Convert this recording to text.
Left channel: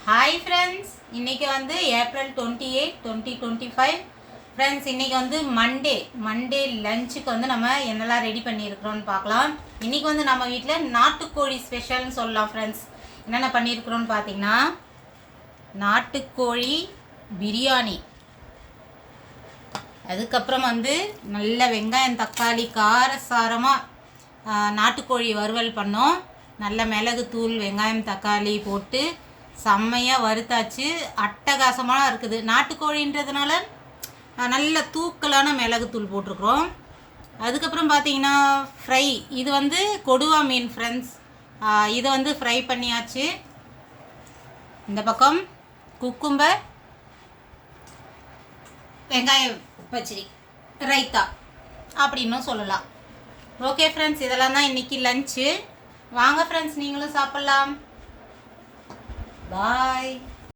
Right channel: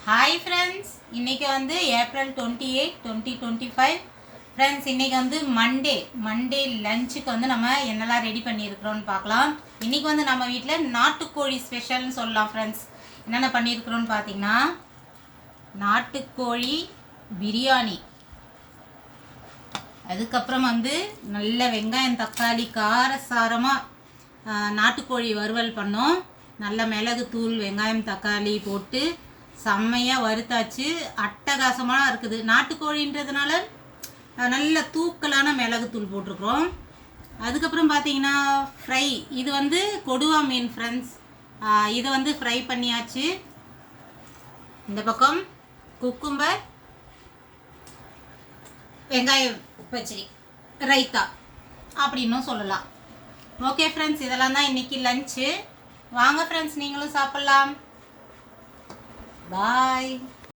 Hi friends, இன்றைக்கி வந்து April 28, 2025. Friends, இன்றைக்கி வந்து மண்டே லஞ்சுக்கு வந்து நம்ம என்னெல்லாம் ரெடி பண்ணியிருக்கிறோன்னு பார்க்கலாம். இன்றைக்கி வந்து நம்ம வீட்டில் நாட்டுக்கோழி ஸ்பெஷல்னு சொல்லலாம். ஃப்ரெண்ட்ஸ், என்னென்ன பண்ணியிருக்கிறோன்னு பார்த்தீங்கன்னா, நாட்டுக்கோழி பிரியாணி, அதுக்கப்புறம் வந்து நல்ல வெங்காயம் தக்காளி காரசாரமாக நாட்டுக்கோழி வறுவல் பண்ணோம். நல்ல மிளகு தூள் வெங்காயம் தக்காளி போட்டு செம்மையாக வறுத்தாச்சு. அட்டகாசமாக இருக்குது. நாட்டுக்கோழின்றதுனால நல்ல தூக்கலான மிளகுத்தூள் போட்டிருக்கிறோம். அதுக்கப்புறம் பார்த்தீங்கன்னா ஃப்ரை, இது வந்து கொடுவா மீன் ஃப்ரெண்ட்ஸ், இதை வந்து ஃப்ரை பண்ணியாச்சு. இந்த பக்கம் குக்கும்பர், வெங்காயம் பச்சடி, ரைத்தா அப்படின்னும் சொல்லலாம். ஓகே ஃப்ரெண்ட்ஸ், இதெல்லாம் தான் இன்றைக்கி லஞ்சு. வாங்க ஃப்ரெண்ட்ஸ், நீங்களும் சாப்பிட்லாம். பாய்.